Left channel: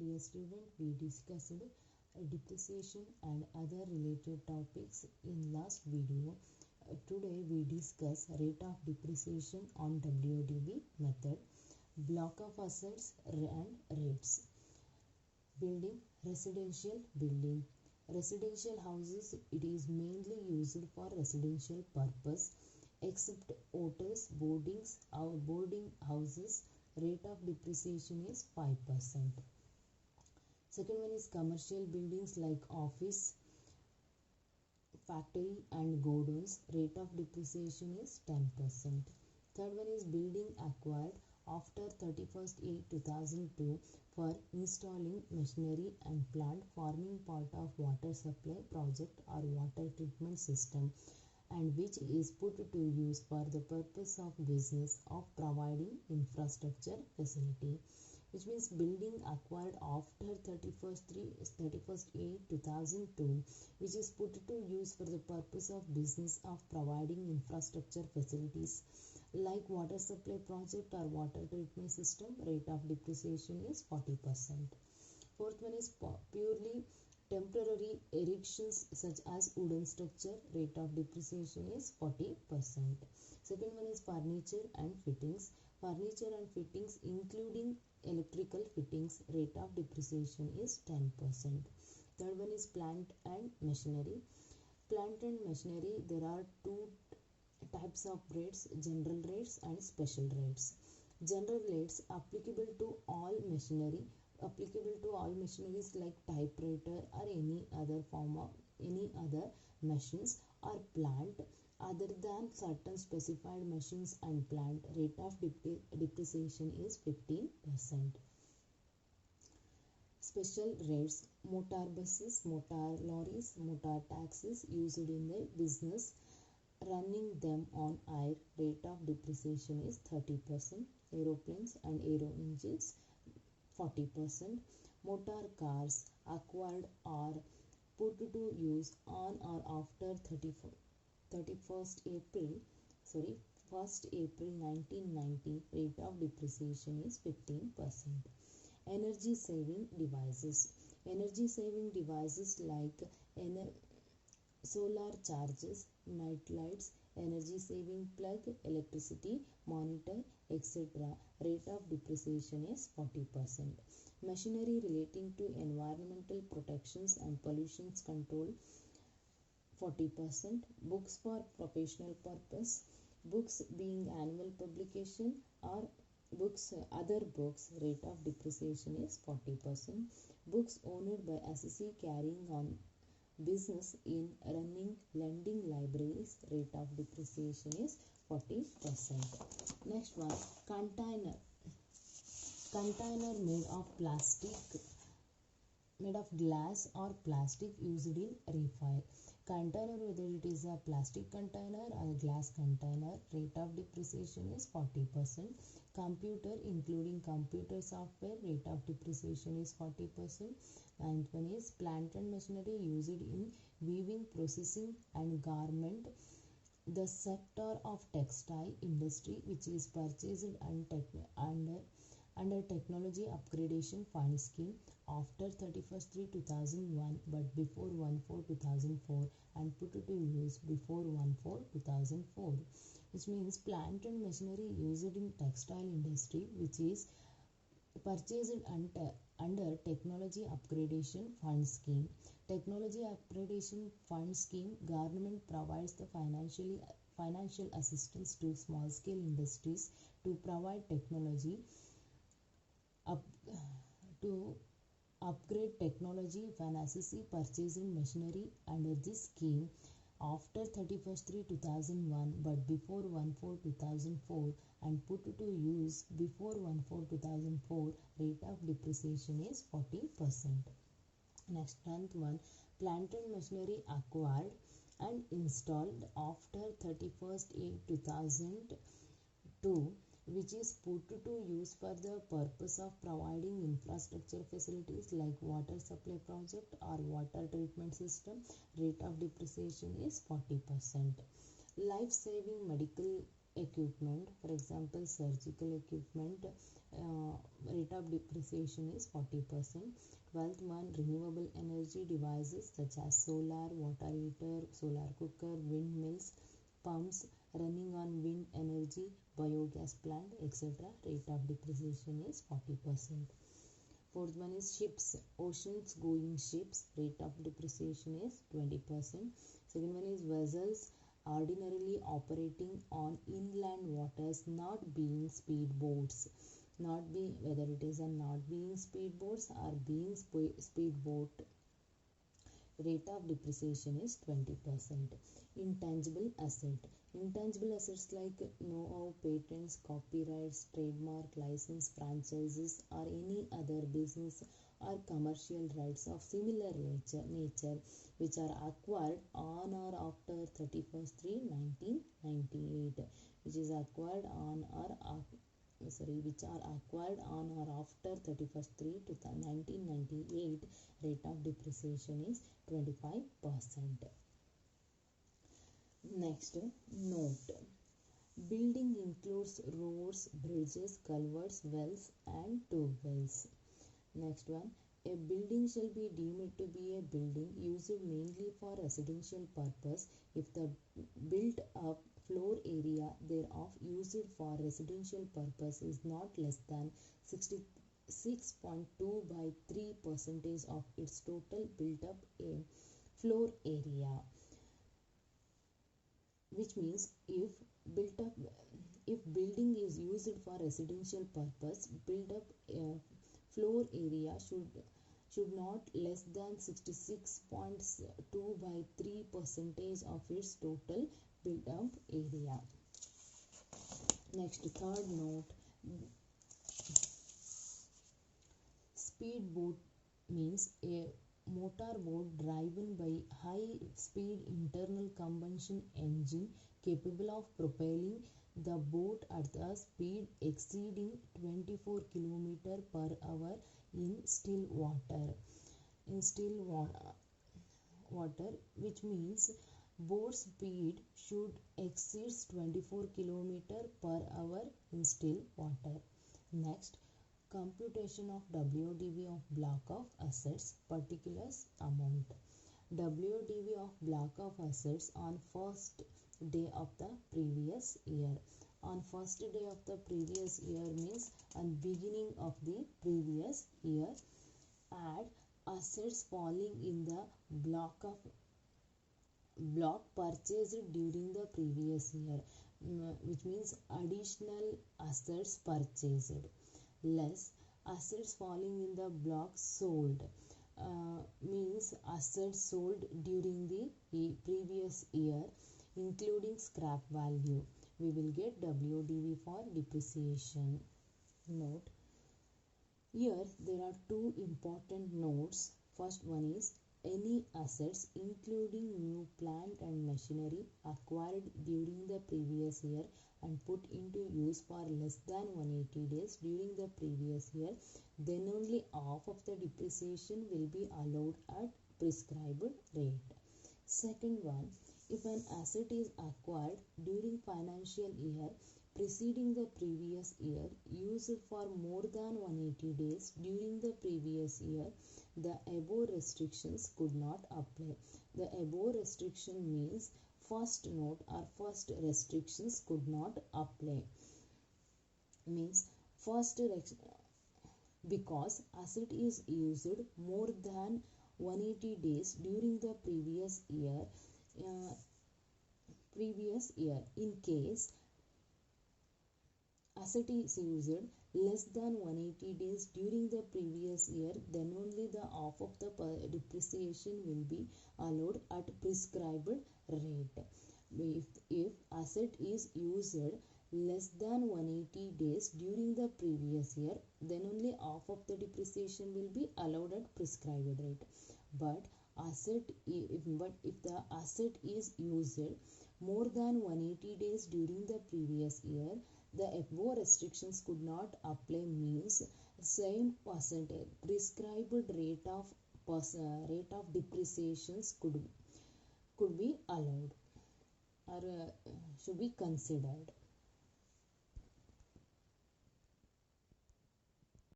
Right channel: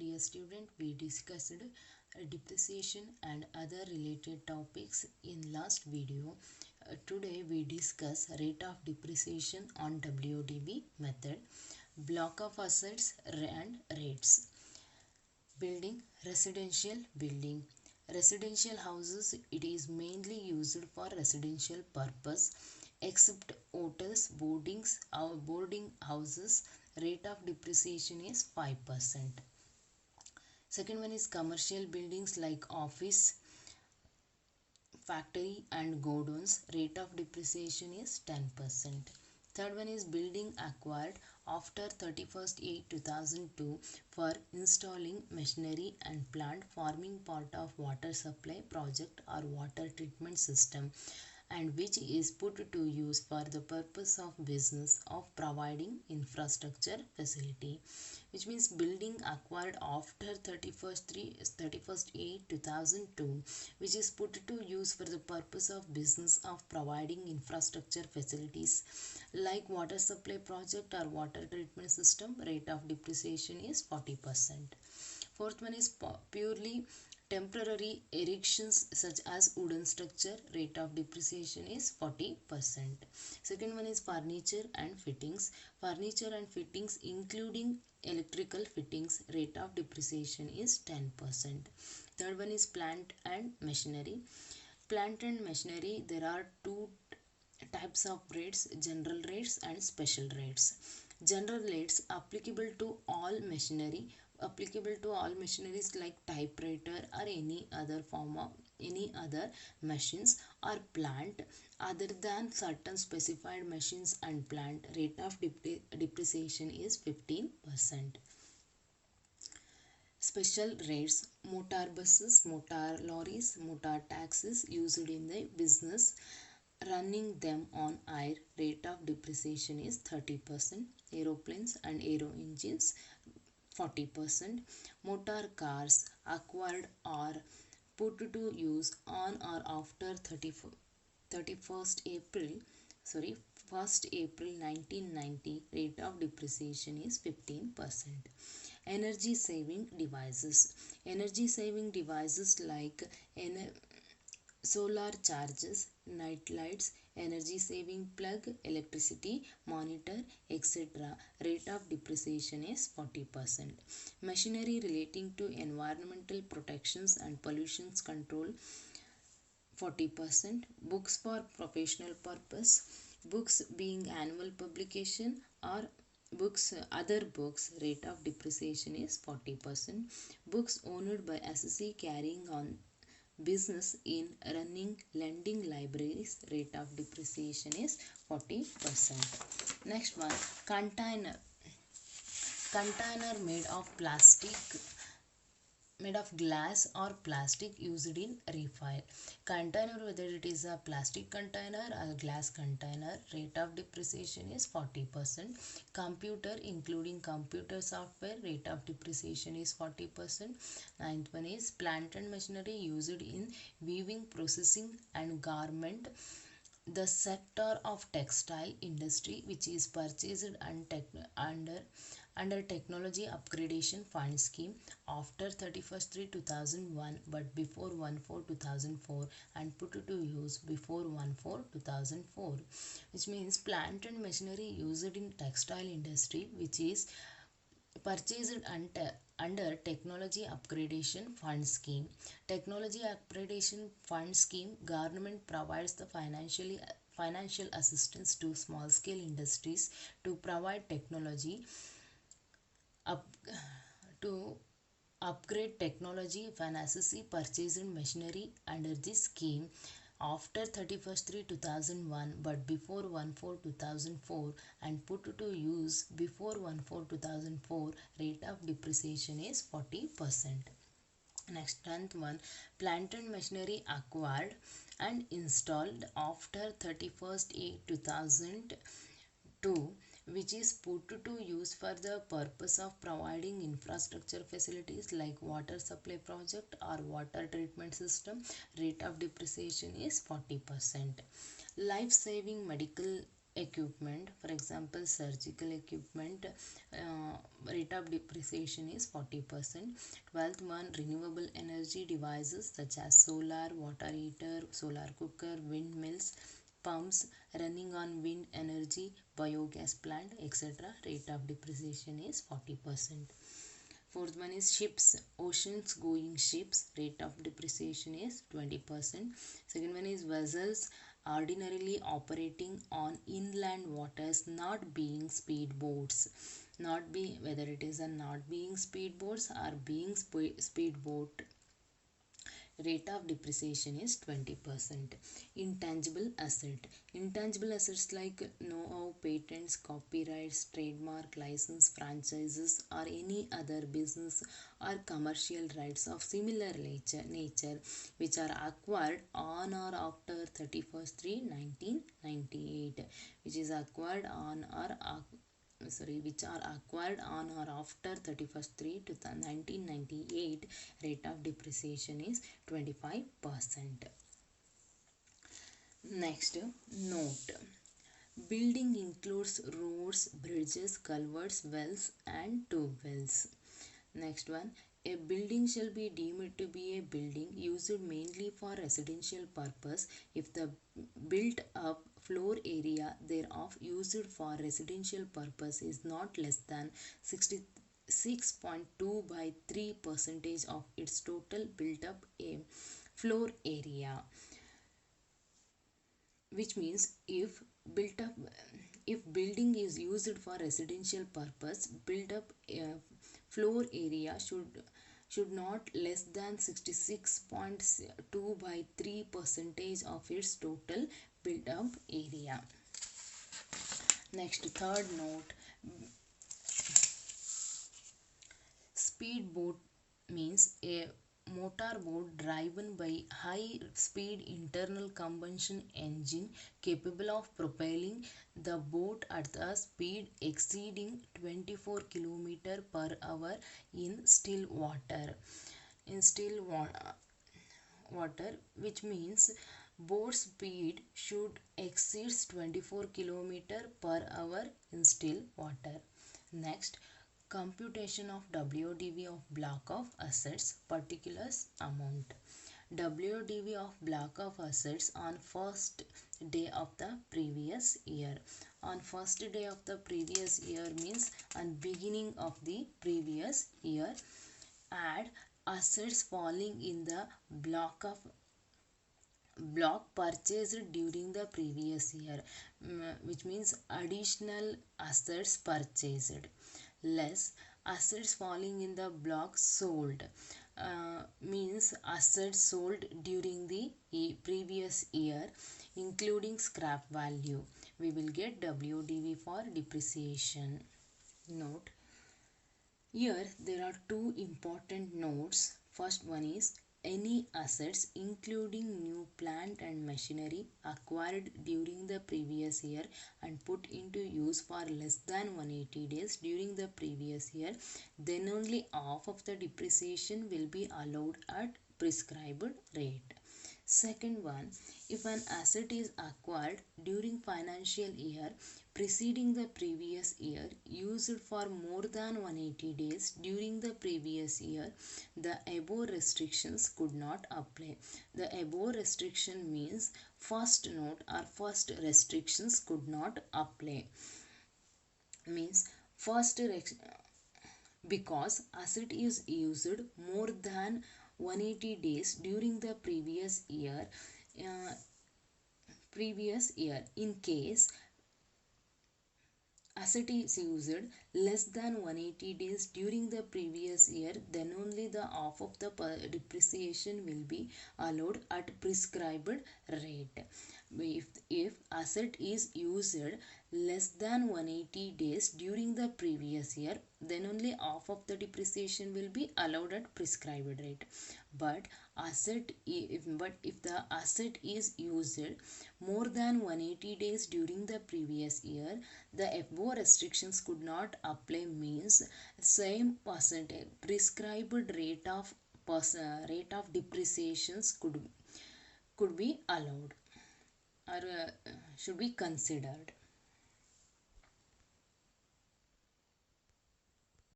Dear student, we discussed depreciation and other related topics in last video. Today we discuss rate of depreciation on WDB method, block of assets and rates. Building, residential houses, it is mainly used for residential purpose except hotels, boarding houses. Rate of depreciation is 5%. Second one is commercial buildings like office, factory and godowns. Rate of depreciation is 10%. Third one is building acquired after 31st 8 2002 for installing machinery and plant forming part of water supply project or water treatment system, and which is put to use for the purpose of business of providing infrastructure facility, which means building acquired after 31st 8 2002, which is put to use for the purpose of business of providing infrastructure facilities like water supply project or water treatment system. Rate of depreciation is 40%. Fourth one is purely temporary erections such as wooden structure. Rate of depreciation is 40%. Second one is furniture and fittings. Furniture and fittings including electrical fittings. Rate of depreciation is 10%. Third one is plant and machinery. Plant and machinery, there are two types of rates: general rates and special rates. General rates applicable to all machineries like typewriter or any other form of any other machines or plant other than certain specified machines and plant. Rate of depreciation is 15%. Special rates: motor buses, motor lorries, motor taxis used in the business running them on air. Rate of depreciation is 30%. Aeroplanes and aero engines, 40%. Motor cars acquired or put to use on or after 31st April 1st April 1990. Rate of depreciation is 15%. Energy saving devices. Energy saving devices like solar chargers, night lights, energy saving plug, electricity monitor, etc. Rate of depreciation is 40%. Machinery relating to environmental protections and pollution control, 40%. Books for professional purpose. Books being annual publication or other books. Rate of depreciation is 40%. Books owned by assessee carrying on business in running lending libraries. Rate of depreciation is 40%. Next one, container made of glass or plastic used in refill. Container, whether it is a plastic container or glass container. Rate of depreciation is 40%. Computer including computer software. Rate of depreciation is 40%. Ninth one is plant and machinery used in weaving, processing and garment. The sector of textile industry which is purchased under technology upgradation fund scheme after 31st 3 2001 but before 1/4 2004 and put to use before 1/4 2004, which means plant and machinery used in textile industry which is purchased under technology upgradation fund scheme. Technology upgradation fund scheme, government provides the financial assistance to small scale industries to provide technology up to upgrade technology. If an assessee purchased machinery under this scheme after 31st 3 2001 but before 1/4 2004 and put to use before 1/4 2004, rate of depreciation is 40%. Next, 10th one, plant and machinery acquired and installed after 31st 8 2002, which is put to use for the purpose of providing infrastructure facilities like water supply project or water treatment system. Rate of depreciation is 40%. Life saving medical equipment, for example surgical equipment, rate of depreciation is 40%. 12th one, renewable energy devices such as solar, water heater, solar cooker, windmills, pumps running on wind energy, biogas plant, etc. Rate of depreciation is 40%. Fourth one is ships, oceans going ships, rate of depreciation is 20%. Second one is vessels ordinarily operating on inland waters, not being speedboats. Not being, whether it is a not being speedboats or being speedboat, rate of depreciation is 20%. Intangible asset, intangible assets like know-how, patents, copyrights, trademark, license, franchises or any other business or commercial rights of similar nature which are acquired on or after 31st 3 1998, which is acquired on or which are acquired on or after 31st 3 to 1998, rate of depreciation is 25%. Next, note. Building includes roads, bridges, culverts, wells and tube wells. Next one, a building shall be deemed to be a building used mainly for residential purpose if the built up floor area thereof used for residential purpose is not less than 66.2 by 3 percentage of its total built up floor area. Which means if building is used for residential purpose, built up floor area should not less than 66.2 by 3 percentage of its total built up area. Next, third note, speedboat means a motorboat driven by high speed internal combustion engine capable of propelling the boat at a speed exceeding 24 km per hour in still water. In still water, which means boat speed should exceed 24 km per hour in still water. Next, computation of WDV of block of assets, particulars amount. WDV of block of assets on first day of the previous year. On first day of the previous year means on beginning of the previous year. Add assets falling in the block purchased during the previous year, which means additional assets purchased, less assets falling in the block sold, means assets sold during the previous year including scrap value. We will get WDV for depreciation. Note, here there are two important notes. First one is any assets including new plant and machinery acquired during the previous year and put into use for less than 180 days during the previous year, then only half of the depreciation will be allowed at prescribed rate. Second one, if an asset is acquired during financial year preceding the previous year used for more than 180 days during the previous year, the above restrictions could not apply. The above restriction means first note or first restrictions could not apply. Means first because asset is used more than 180 days during the previous year, in case asset is used less than 180 days during the previous year, then only the half of the depreciation will be allowed at prescribed rate. If asset is used less than 180 days during the previous year, then only half of the depreciation will be allowed at prescribed rate. But if the asset is used more than 180 days during the previous year, the above restrictions could not apply, means same percentage prescribed rate of depreciations could be allowed or should be considered.